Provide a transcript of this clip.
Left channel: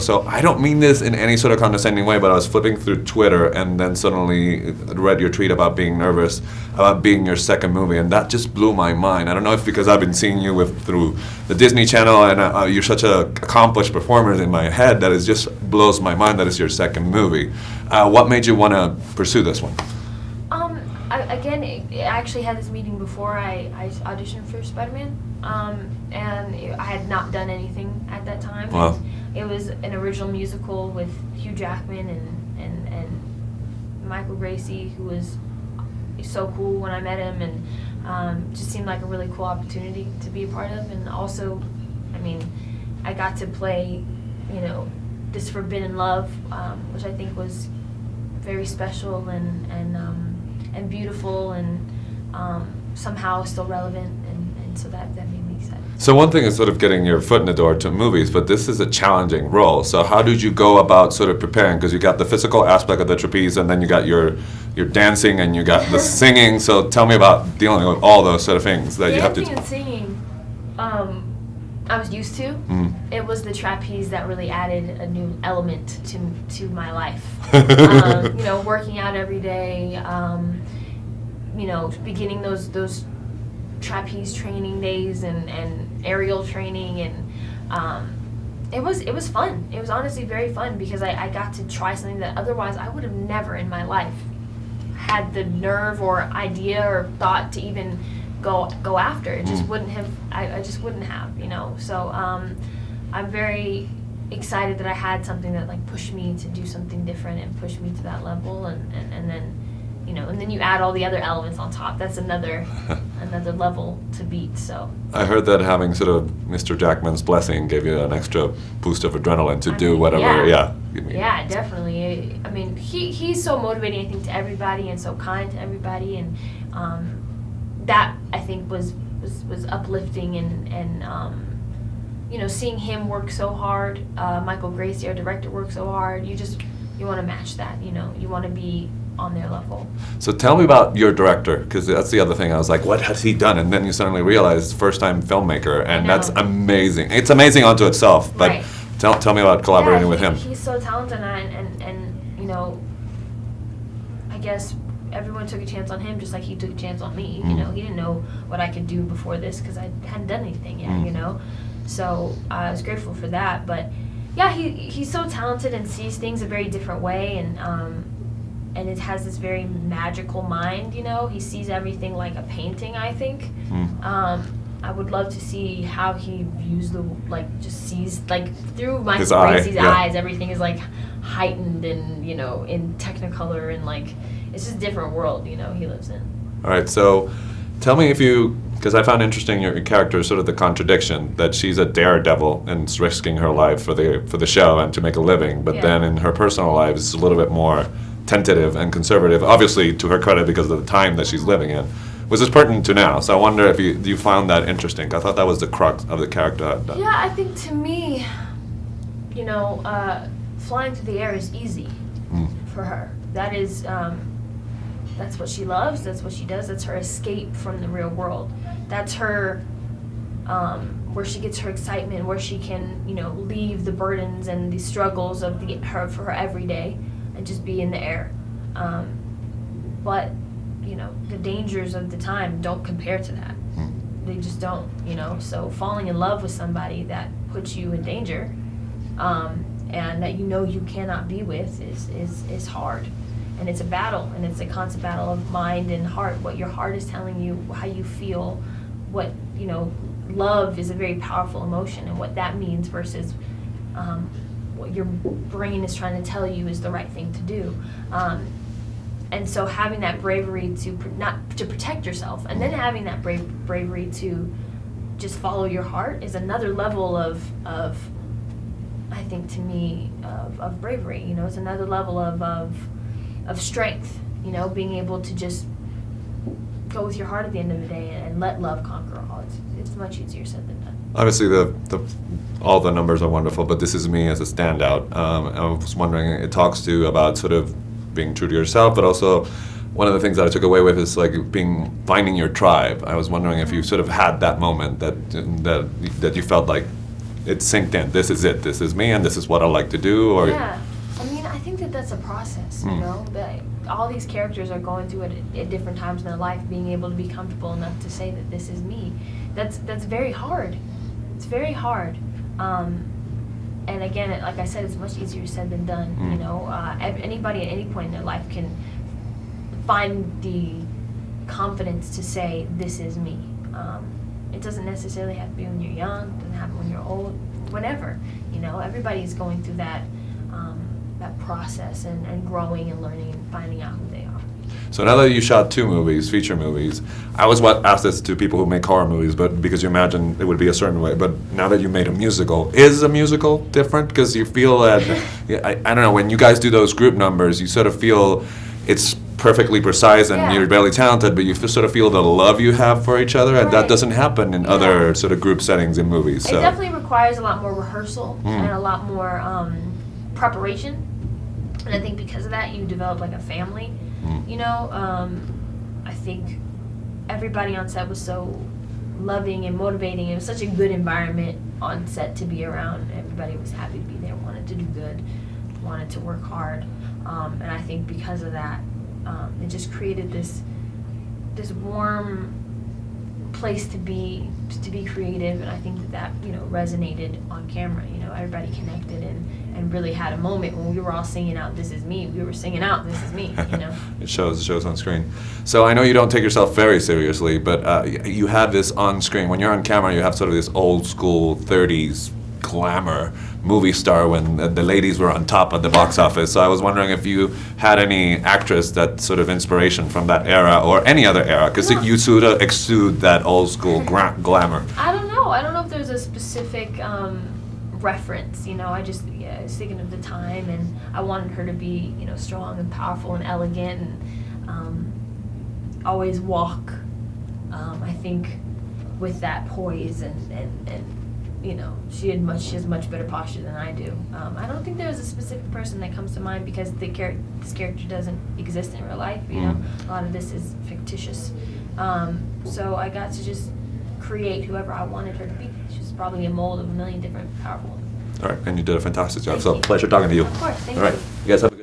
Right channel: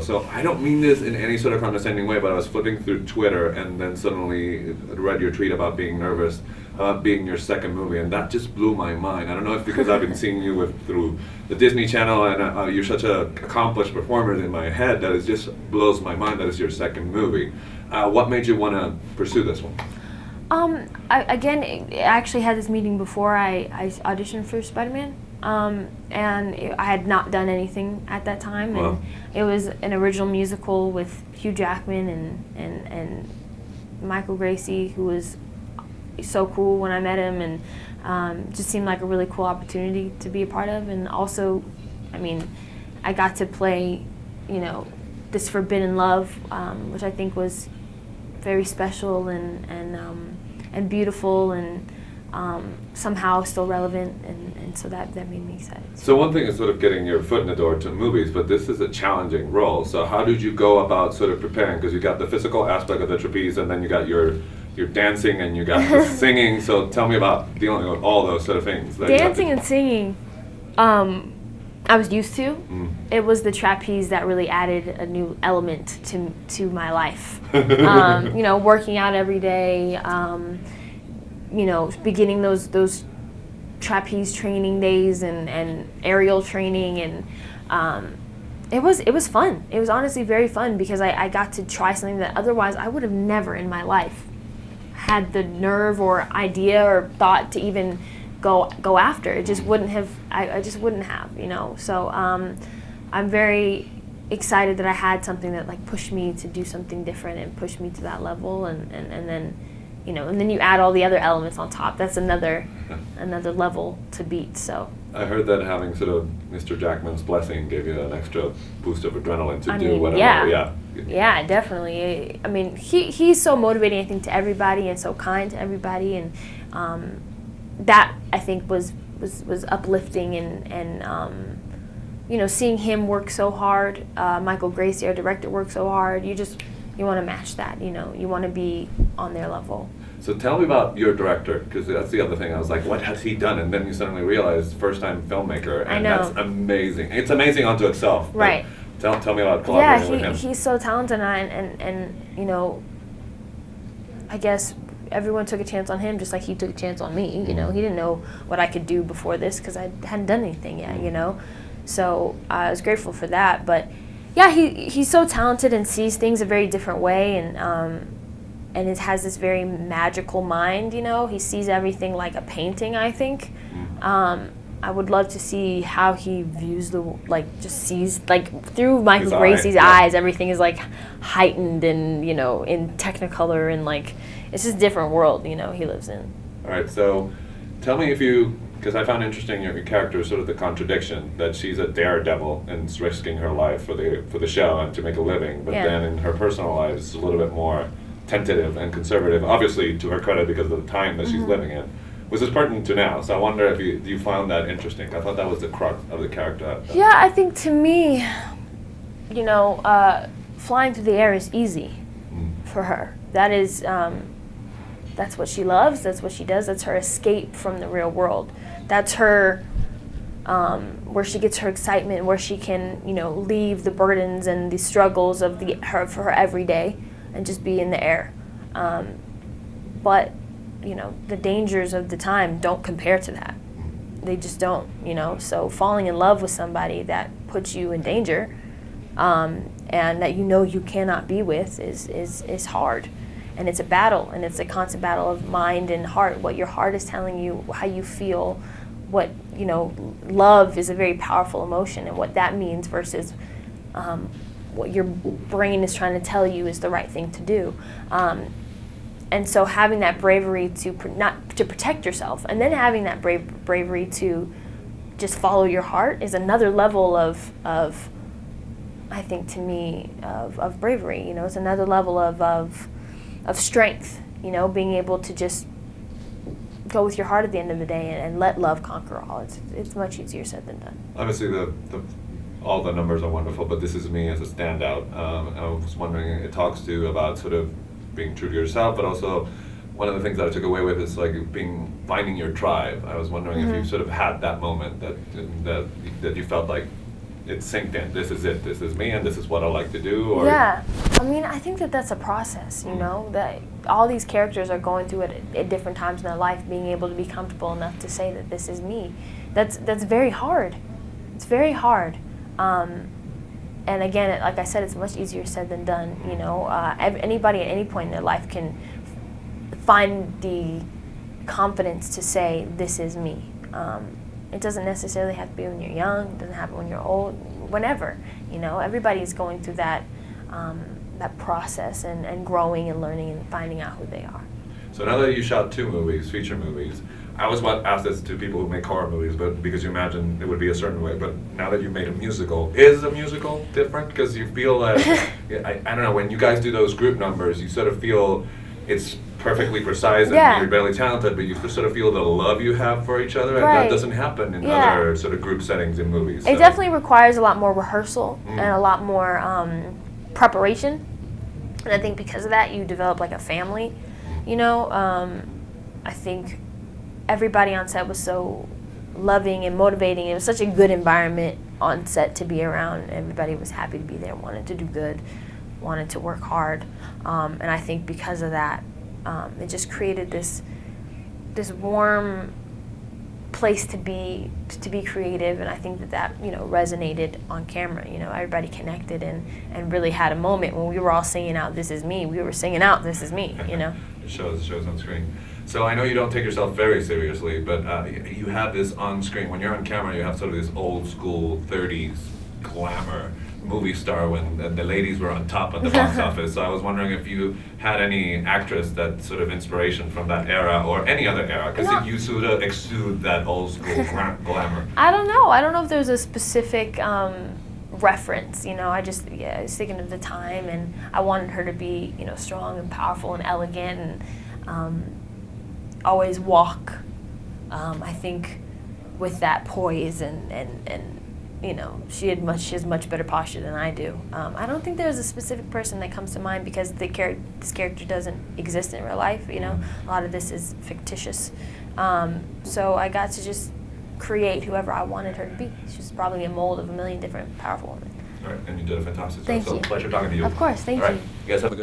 So I don't mean this in any sort of condescending way, but I was flipping through Twitter and then suddenly read your tweet about being nervous about being your second movie, and that just blew my mind. I don't know if because I've been seeing you through the Disney Channel, and you're such an accomplished performer in my head that it just blows my mind that it's your second movie. What made you want to pursue this one? I actually had this meeting before I auditioned for Spider-Man, and I had not done anything at that time. Wow. And it was an original musical with Hugh Jackman and Michael Gracie, who was so cool when I met him, and just seemed like a really cool opportunity to be a part of. And also, I mean, I got to play, this forbidden love, which I think was very special and beautiful, and somehow still relevant, and so that made me excited. So one thing is sort of getting your foot in the door to movies, but this is a challenging role. So how did you go about sort of preparing? Because you got the physical aspect of the trapeze, and then you got your dancing, and you got the singing. So tell me about dealing with all those sort of things that you have to do. Dancing and singing, I was used to. It was the trapeze that really added a new element to my life. Working out every day, beginning those trapeze training days and aerial training, and it was fun. It was honestly very fun because I got to try something that otherwise I would have never in my life had the nerve or idea or thought to even go after. It just wouldn't have. I just wouldn't have. So I'm very excited that I had something that like pushed me to do something different and pushed me to that level, and then and then you add all the other elements on top. That's another level to beat. So I heard that having sort of Mr. Jackman's blessing gave you an extra boost of adrenaline to do whatever. Yeah, definitely. I mean, he's so motivating, I think, to everybody, and so kind to everybody, and that I think was uplifting, and seeing him work so hard, Michael Gracie, our director, work so hard. You want to match that, you want to be on their level. So tell me about your director, because that's the other thing. I was like, what has he done? And then you suddenly realize first-time filmmaker, and that's amazing. It's amazing unto itself. But right. Tell me about collaborating with him. He's so talented, and I guess everyone took a chance on him just like he took a chance on me. He didn't know what I could do before this because I hadn't done anything yet, So I was grateful for that, but yeah, he's so talented and sees things a very different way, and it has this very magical mind. He sees everything like a painting, I think. I would love to see how he views just sees through Michael Gracie's eyes. Everything is like heightened and in Technicolor, and it's just a different world he lives in. All right, so tell me because I found interesting your character, sort of the contradiction that she's a daredevil and is risking her life for the show and to make a living, but then in her personal life is a little bit more tentative and conservative, obviously to her credit because of the time that she's living in, which is pertinent to now. So I wonder if you found that interesting. I thought that was the crux of the character. Yeah, I think to me, flying through the air is easy for her. That is, that's what she loves, that's what she does, that's her escape from the real world. That's her, where she gets her excitement, where she can, leave the burdens and the struggles of for her everyday and just be in the air. But, the dangers of the time don't compare to that. They just don't, So falling in love with somebody that puts you in danger, and that you cannot be with is hard. And it's a battle, and it's a constant battle of mind and heart, what your heart is telling you, how you feel, what, love is a very powerful emotion, and what that means versus what your brain is trying to tell you is the right thing to do. And so having that bravery to protect yourself, and then having that bravery to just follow your heart is another level of I think, to me, of bravery. It's another level of strength, being able to just go with your heart at the end of the day and let love conquer all. It's much easier said than done. Obviously, all the numbers are wonderful, but this is me as a standout. I was wondering, it talks to about sort of being true to yourself, but also one of the things that I took away with is finding your tribe. I was wondering if you sort of had that moment that you felt like it synced in. This is it. This is me, and this is what I like to do. Or yeah, I mean, I think that that's a process. You know, that all these characters are going through it at different times in their life, being able to be comfortable enough to say that this is me. That's very hard. It's very hard. And again, like I said, it's much easier said than done. You know, anybody at any point in their life can find the confidence to say, this is me. It doesn't necessarily have to be when you're young. It doesn't happen when you're old. Whenever, you know, everybody's going through that process and growing and learning and finding out who they are. So now that you shot 2 movies, feature movies, I always ask this to people who make horror movies, but because you imagine it would be a certain way. But now that you made a musical, is a musical different? Because you feel that, I don't know, when you guys do those group numbers, you sort of feel it's perfectly precise and you're barely talented, but you sort of feel the love you have for each other, and that doesn't happen in other sort of group settings in movies. It definitely requires a lot more rehearsal and a lot more preparation. And I think because of that, you develop like a family. You know, I think everybody on set was so loving and motivating. It was such a good environment on set to be around. Everybody was happy to be there, wanted to do good, wanted to work hard. And I think because of that, it just created this warm place to be creative, and I think that you know resonated on camera. You know, everybody connected and really had a moment when we were all singing out "This is me." We were singing out "This is me." You know, it shows on screen. So I know you don't take yourself very seriously, but you have this on screen. When you're on camera, you have sort of this old school '30s glamour movie star when the ladies were on top of the box office. So I was wondering if you had any actress that sort of inspiration from that era or any other era, because you sort of exude that old school glamour. I don't know if there's a specific reference. You know, I was thinking of the time, and I wanted her to be, you know, strong and powerful and elegant, and always walk, I think, with that poise and you know, she has much better posture than I do. I don't think there's a specific person that comes to mind because this character doesn't exist in real life. You know, a lot of this is fictitious. So I got to just create whoever I wanted her to be. She's probably a mold of a million different powerful women. All right, and you did a fantastic job. Thank So you. pleasure talking to you. Of course, thank you. All right, you guys have a